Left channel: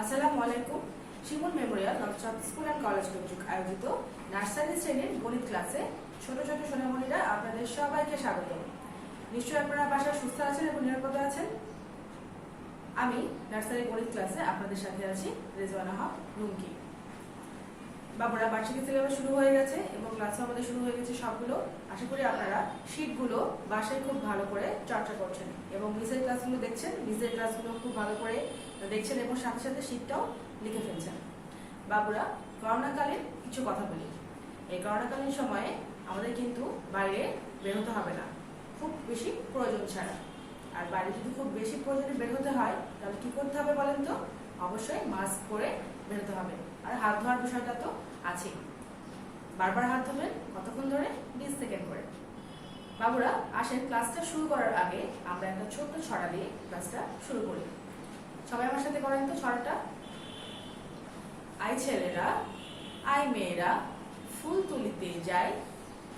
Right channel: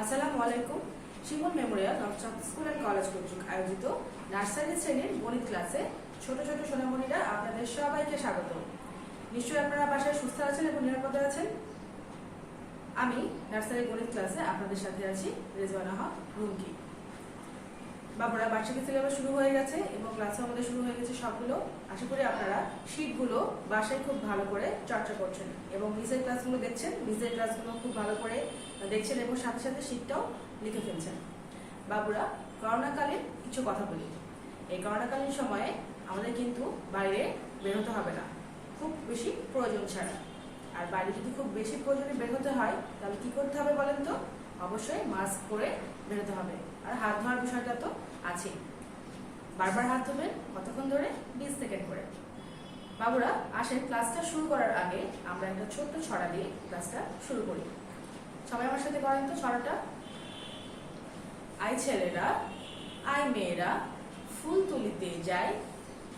আসসালামু আলাইকুম। শিমুল Memorial নকশাদ school and college কর্তৃক আয়োজিত নার্সারি শ্রেণীর গণিত ক্লাসে ছোট ছোট সোনামণিরা আপনাদের সবাইকে স্বাগত। নিশ্চয়ই আপনারা বাসায় সুস্থ আছেন এবং নিরাপদে আছেন। আমি নার্সারি গণিত ক্লাসে আপনাদের সাথে আছি রেজওয়ানা হক রুমকি। বাবুরা, বার্ষিক সিলেবাস শুরু হয়ে গেছে এবং ক্লাসও আমাদের শুরু হয়ে গেছে সবগুলো। আশা করি আপনারা শীটগুলো বাসায় খুব ভালো করে চর্চা করছেন এবং মিসের ক্লাসগুলো দেখছেন, মিসের ক্লাসগুলো খুব ভালো করে দেখছেন এবং সাথে সাথে শীটটাও লিখে ফেলছেন। বাবুরা, করোনাকালীন কিছু কথা বলি। এই করোনাকালীন সময়ে আমাদের কিন্তু বাইরে বের হতে হবে না, খুব বেশি প্রয়োজন ছাড়া। আর বাইরে যদি খুব বেশি প্রয়োজনে বের হতে হয় তাহলে কি করতে হবে বলেন তো? অবশ্যই মাস্ক পরে বের হতে হবে। আর হাত ধোয়ার বিষয়টা তো আছেই। বারবার হাত ধোবেন, কতক্ষণ ধরে? 20 সেকেন্ড করে। বাবুরা, আসেন ক্লাসটা শুরু করার আগে আমরা একটা ছোট্ট ছড়া দিয়ে ক্লাসটা শুরু করি। সবাই আমার সাথে করেন তো ছড়াটা। আই ছেলেরা, আই মেয়েরা, ফুল তুলিতে যায়,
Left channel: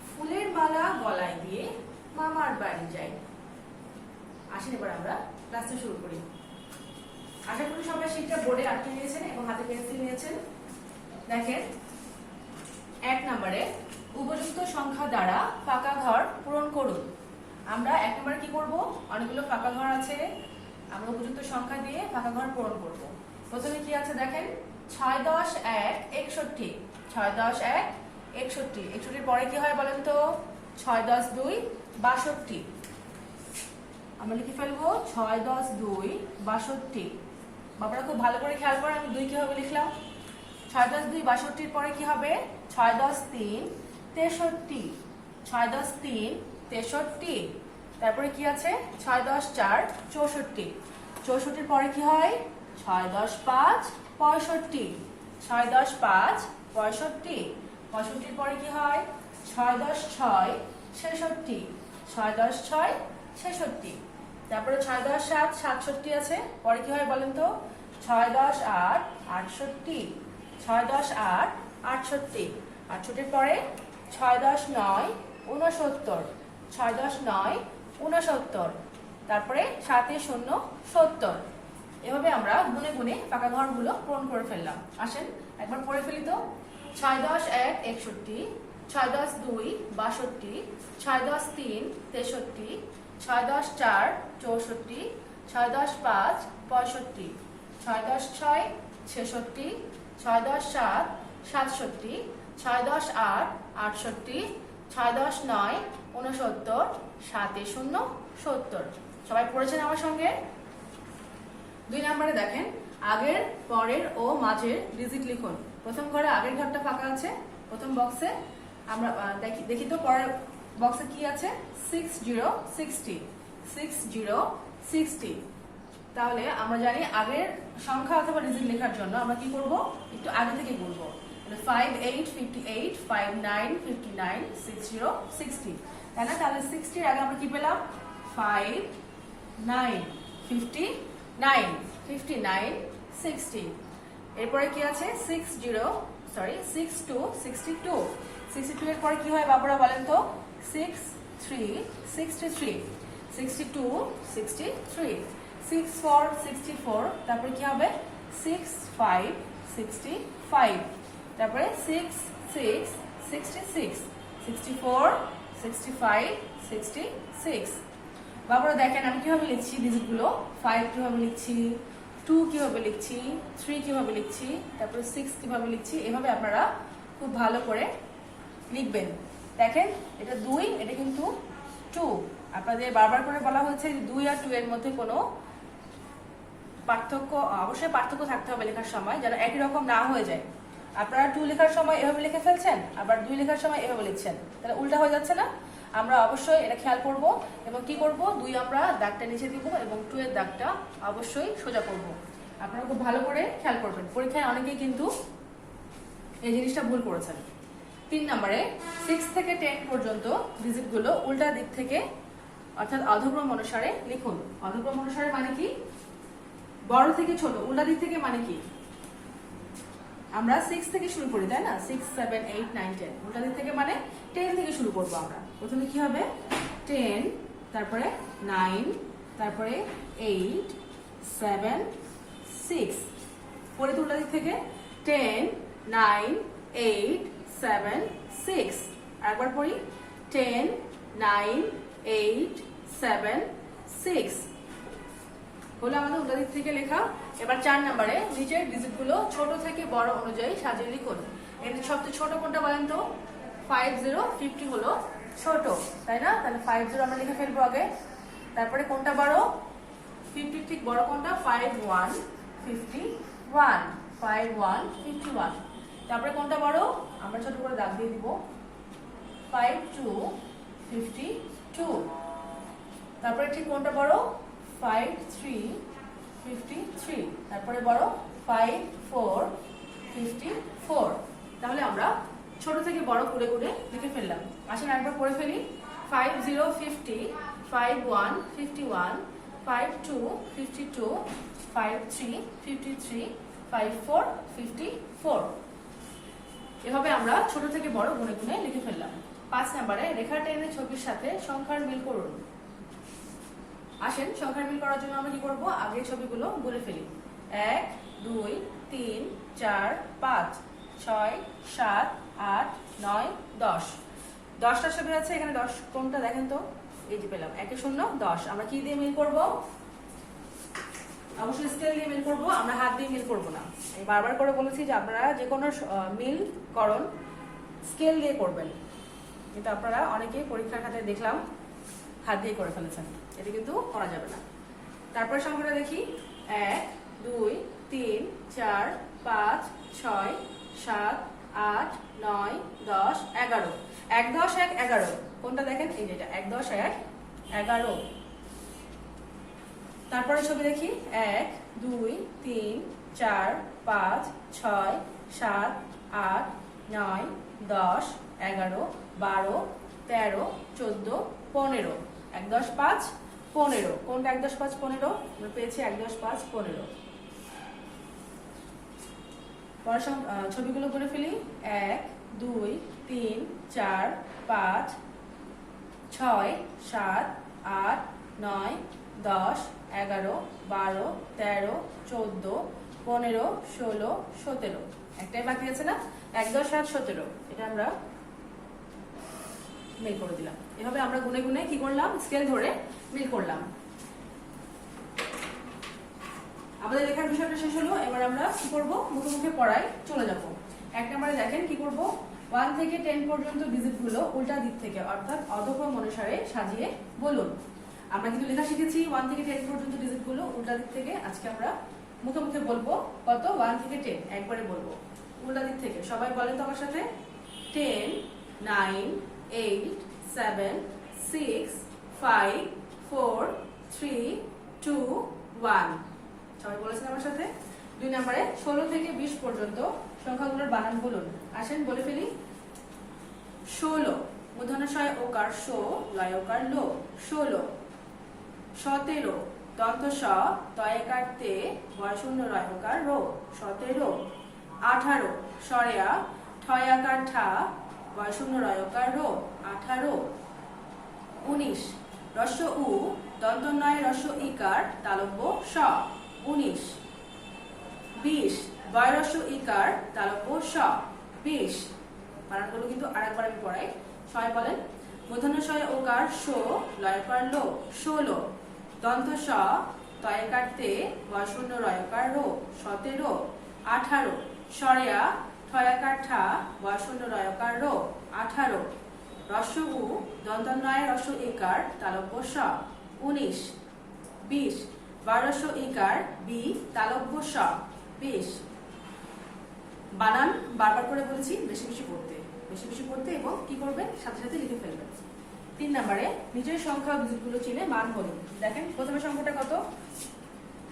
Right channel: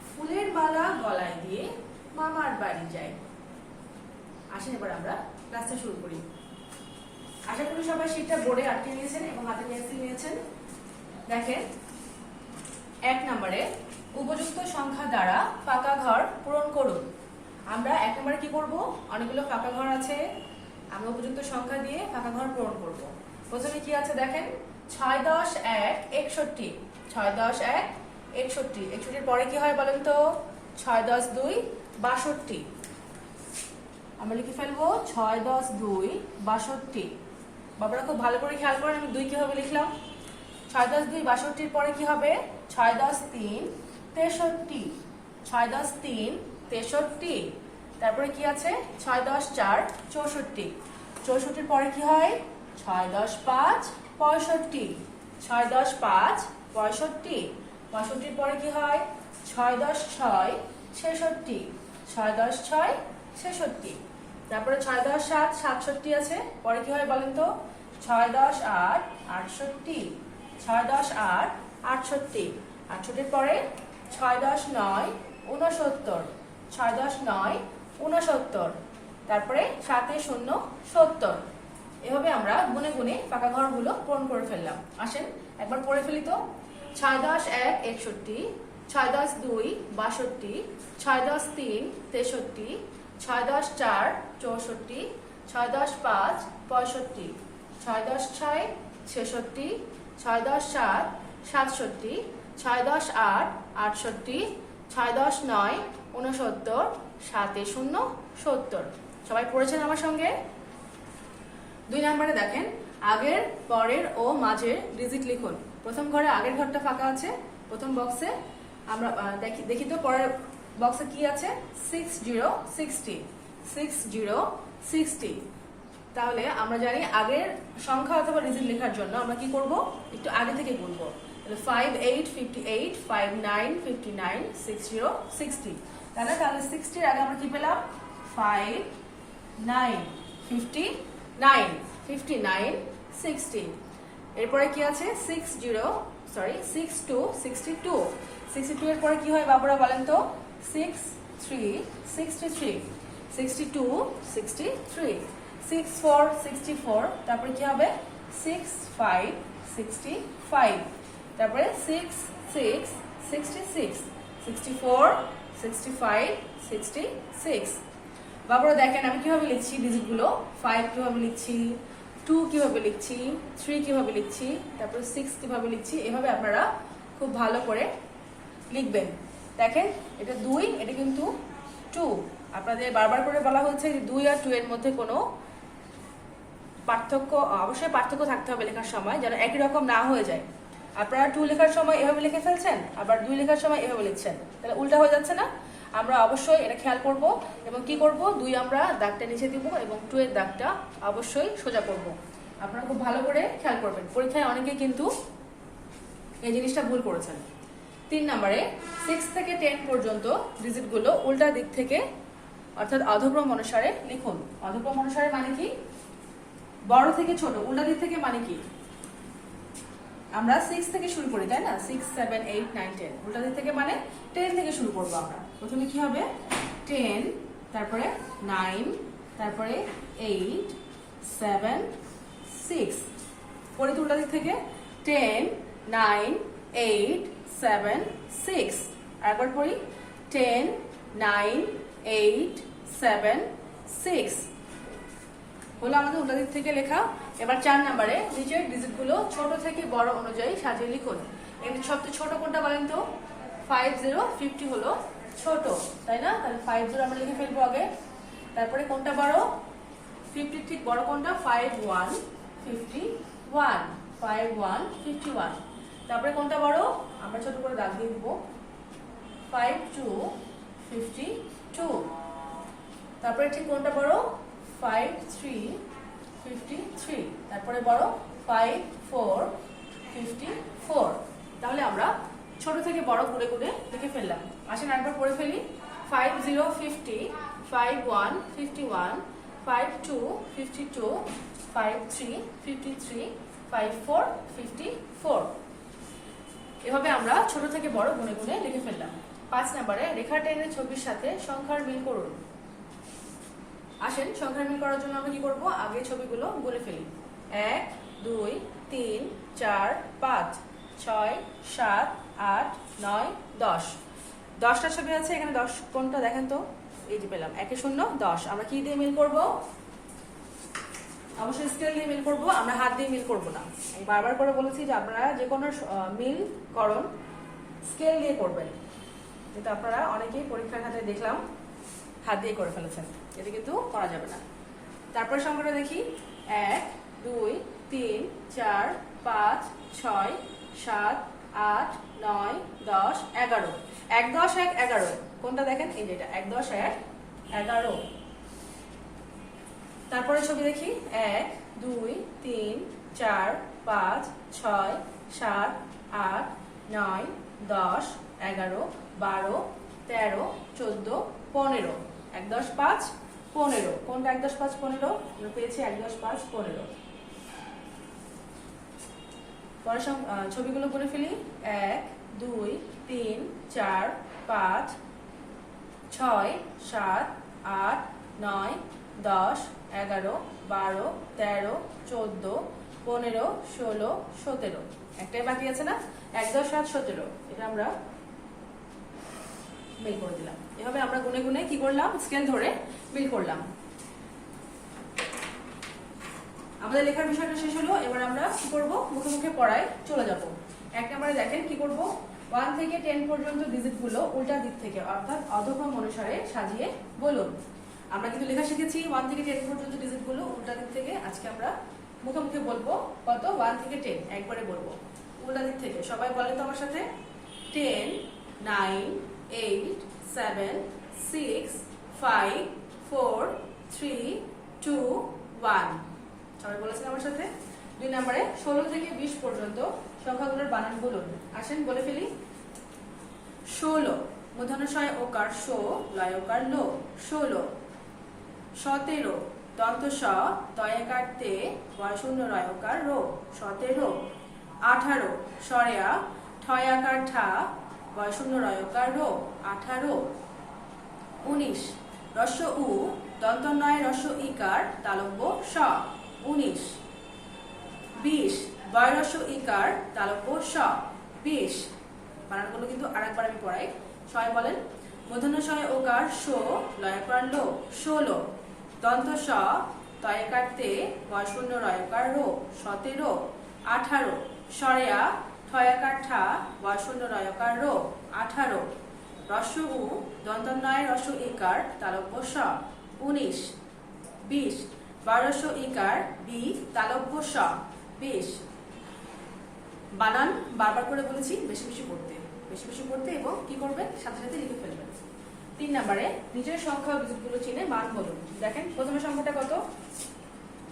ফুলের মালা গলায় দিয়ে মামার বাড়ি যায়। আসেন এবার আমরা ক্লাসটা শুরু করি। আশা করি সবাই শীটটা বোর্ডে আটকে নিয়েছেন এবং হাতে পেন্সিল নিয়েছেন। দেখেন, 1 নম্বরে উপযুক্ত সংখ্যা দ্বারা ফাঁকা ঘর পূরণ করুন। আমরা 1 নম্বরে কি করব? অনেকগুলো ফাঁকা ঘর আছে, আমরা উপযুক্ত সংখ্যা দিয়ে ফাঁকা ঘর পূরণ করব। প্রথমে কি আছে দেখেন, 6 10 1 61। 6 10 1 61। 61 পরে কি হয় বলেন তো? 6 10 2 62। আমরা লিখে ফেলবো 6 10 2 62। বাবারা খুব ভালো করে খেয়াল করেন আমি 2 কিভাবে লিখলাম। 6 10 2 62 পরে কি হবে? 6 10 3 63। 6 10 3 63। তারপরে কি আছে? 6 10 4 64। 64 পরে কি হয়? 6 10 5 65। 6 10 5 65। 65 পরে কি হয়? 6 10 6 66। 6 10 6 66। তারপরে 6 10 7 67 আছে, পরে কি হয় বলেন তো? 6 10 8 68। 6 10 8 68। 68 পরে 6 10 9 69। 6 10 9 69। তারপরে 7 0 70। এভাবে আমরা গুনে গুনে ফাঁকা ঘরগুলো পূরণ করে ফেললাম। আসেন একবার পড়ে ফেলি তো। 6 10 1 61। 6 10 2 62। 6 10 3 63। 6 10 4 64। 6 10 5 65। 6 10 6 66। 6 10 7 67। 6 10 8 68। 6 10 9 69। 7 0 70। সবাই পড়েছেন আমার সঙ্গে? 2 নম্বরে দেখেন, আগের, পরের ও মাঝের ডিজিট লিখুন। প্রথম ঘরে আগের ঘরটা ফাঁকা আছে। প্রথম বক্সে আমরা দেখি তো পরের বক্সে কি আছে? 60 60। 60 60। তাহলে আমরা জানি আগের সংখ্যা অথবা ডিজিট লেখার জন্য আমরা কি করব? একটু আগে থেকে গুনবো। 5 8 58 5 9 59 60 60। তাই না? তাহলে 60 এর আগে আমরা কি পেলাম? 5 9 59 59 60। এরপরে কি আছে? 62 62। 62 এর পরে কি হয় বাবুরা বলেন তো? 6 3 63। 62 63। 6 4 64। তারপরে কি হবে? 6 5 65। তারপরে 6 6 66। 64 65 66। বাবুরা দেখেন আমি কিভাবে লিখছি ডিজিটগুলো। 5 কিভাবে লিখছি, 2 কিভাবে লিখছি, 3 কিভাবে লিখছি, তারপরে 6 কিভাবে লিখছি। এভাবে আপনারা খুব ভালো করে লিখবেন। দেখেন এটা 2, এটা কিন্তু 2। আপনাদের বারবার করে বলা হয়েছে যে 2 আর 2 এর মধ্যে কোনো পার্থক্য, অবশ্যই পার্থক্য থাকতে হবে লেখার সময়, যেন একই রকম না হয়ে যায়। আপনারা 2 লেখার সময় এভাবে লিখে ফেলছেন, আবার 2 লেখার সময় এভাবে লিখছেন, তাহলে উল্টা হয়ে যাচ্ছে না? আমরা অবশ্যই এটা খেয়াল করব এবং কি করব? 2 আমরা দাগটা নিচে দিব এবং 2 এর দাগটা অবশ্যই সোজা করব। আপনারা খুব ভালো করে খেয়াল করবেন। পরীক্ষায় অনেকেই কিন্তু এই জিনিসটা ভুল করেছেন। 3 নম্বরে 6 থেকে 10 পর্যন্ত ডিজিটগুলো উল্টা দিক থেকে অর্থাৎ অধক্রম অনুসারে লিখুন। অধক্রম অনুসারে মানে কি? বড় থেকে ছোট, উল্টা দিক থেকে মানে কি? আমরা 6 থেকে শুরু করি, তাই না? 6 7 8 9 10। উল্টা দিক থেকে মানে 10 থেকে শুরু করব আমরা। প্রথমে কি হবে? 10, তারপরে 9, তারপরে 8 7 6। পরে উল্টা দিক থেকে 10 9 8 7 6 আরেকবার পড়ি 10 9 8 7 6 হলো আমাদের উল্টা দিক থেকে লেখা। এবার 4 নম্বরে নিচের ডিজিটগুলো ছোট থেকে বড় অনুযায়ী সাজিয়ে লিখুন। এমনি সবচেয়ে ছোট কোনটা বলেন তো? 50 হলো ছোট, তাই না? তাহলে 50 আমরা লিখে ফেলবো আগে। তারপরে কোনটা বড়? 50 ঠিক বড় কোনটা? 51 51। তারপরে কোনটা বড়? আমরা ছোট করে দাগ দিয়ে দিব 52 52। তারপরে ঠিক কোনটা বড়? 53 53। তারপরে বড় 54 54। তাহলে আমরা ছোট থেকে বড় করে করে লিখে ফেললাম। আসেন একবার পড়ে ফেলি। 50 50 51 51 52 52 53 53 54 54। এভাবে আমরা ছোট থেকে বড় গুনে গুনে লিখে ফেললাম। 5 নম্বরে রেখা টেনে ছবির সাথে সংখ্যার মিল করুন। আসেন সংখ্যার মিল করার জন্য আমরা কি করব? আগে ছবিগুলো গুনে ফেলি। 1 2 3 4 5 6 7 8 9 10। 10টা ছবি আছে এখানে। 10 কোনটা দেখেন তো? এই যে পেলাম 1 0 10। আমরা কি দিয়ে মিল করব? অবশ্যই স্কেল দিয়ে মিল করব, আমরা হাত দিয়ে মিল করব না। আমি বারবার করে বলেছি যে আপনারা যে কোনো মিল করণ স্কেল দিয়ে করবেন, কিন্তু আপনারা অনেকেই পরীক্ষার খাতায় দেখলাম হাত দিয়ে করে ফেলেছেন, এটা কিন্তু করা যাবে না। তারপরে সংখ্যাটা দেখি 1 2 3 4 5 6 7 8 9 10 11। 1 10 1 11 কোনটা দেখেন? এই যে এটা 1 10 1 11। তারপরে ছবি দেখি 1 2 3 4 5 6 7 8 9 10 11 12 13 14 15। 1 10 5 15 কোনটা? 1 10 5 15 আমরা পেয়েছি 1 10 5 15। পরের ছবিগুলো করে ফেলি। 1 2 3 4 5 6 7 8 9 10 11 12 13 14 15 16 17। একটাই বাকি আছে না? 1 10 7 17। এটা আমরা মিল করে দিলাম। এভাবে আমরা গুনে গুনে কি করলাম? স্কেল ধরে মিল করলাম। আমাদের লেখার বিষয়টা শেষ হলো। এবার আমরা কি করব? মুখে মুখে পড়ায় চলে যাব। 1 নম্বরে দেখেন কি করব? 1 থেকে 10 পর্যন্ত ডিজিটগুলো উল্টা দিক থেকে অর্থাৎ অধক্রম অনুসারে সাজিয়ে বলুন। আমরা কিন্তু লেখা শিখেছি 1 থেকে 10 পর্যন্ত ডিজিটগুলো উল্টা দিক থেকে। আজকে আমরা মুখে মুখে বলবো। কত? 1 থেকে 10 একবারে বলবো উল্টা দিক থেকে। সবাই বলেন তো আমার সাথে। 10 9 8 7 6 5 4 3 2 1। সবাই বলেছেন আমার সাথে। 2 নম্বরে 16 থেকে 20 পর্যন্ত সংখ্যাগুলোর বানান বলুন। আসেন বলে ফেলি। 16 মূর্ধন্য ষ ওকার শো লয়কার লো 16। 17 দন্ত স তয়কার তে বয়শূন্য রয়কার রো 17। 18 সরেয়া ঠয়াকার ঠা বয়শূন্য রয়কার রো 18। 19 রস্য উ দন্ত নয় রস্য ইকার তালব্য স 19। 20 বয়রস্য ইকার তালব্য স 20। বানানগুলো কিন্তু আরেকবার আমি পড়াই। সবাই বলেন। মূর্ধন্য ষ ওকার শো লয়কার লো 16। দন্ত স তয়কার তে বয়শূন্য রয়কার রো 17। 18 সরেয়া ঠয়াকার ঠা বয়শূন্য রয়কার রো 18। রস্য উ দন্ত নয় রস্য ইকার তালব্য স 19। 20 বয়রস্য ইকার বি তালব্য স 20। বানান বারবার করে বলেছি বেশি বেশি পড়তে এবং কি করবেন? সাথে সাথে লিখে ফেলবেন। 3 নম্বরে নিচের সংখ্যা ডিজিটগুলো চিনে মান বলুন। দেখেন প্রথমে সংখ্যাটা কত?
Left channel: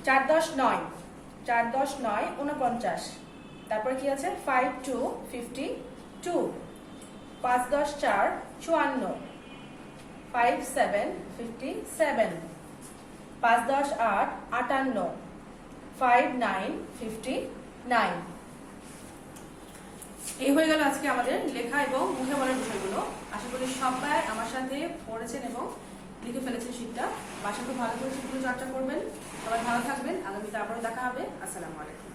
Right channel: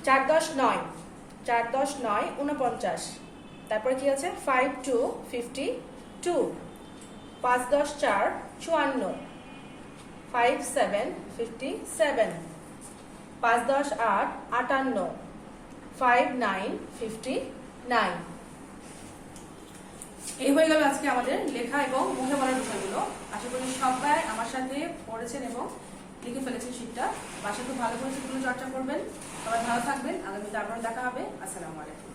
4 10 9 4 10 9 49। তারপরে কি আছে? 5 2 52। 5 10 4 54। 5 7 57। 5 10 8 58। 5 9 59। এই হয়ে গেল আজকে আমাদের লেখা এবং মুখে বলার বিষয়গুলো। আশা করি সবাই আমার সাথে পড়েছেন এবং লিখে ফেলেছেন শীটটা। বাসায় খুব ভালো করে সেগুলো চর্চা করবেন। সবাই ভালো থাকবেন। আগামীতে আবারও দেখা হবে। আসসালামু আলাইকুম।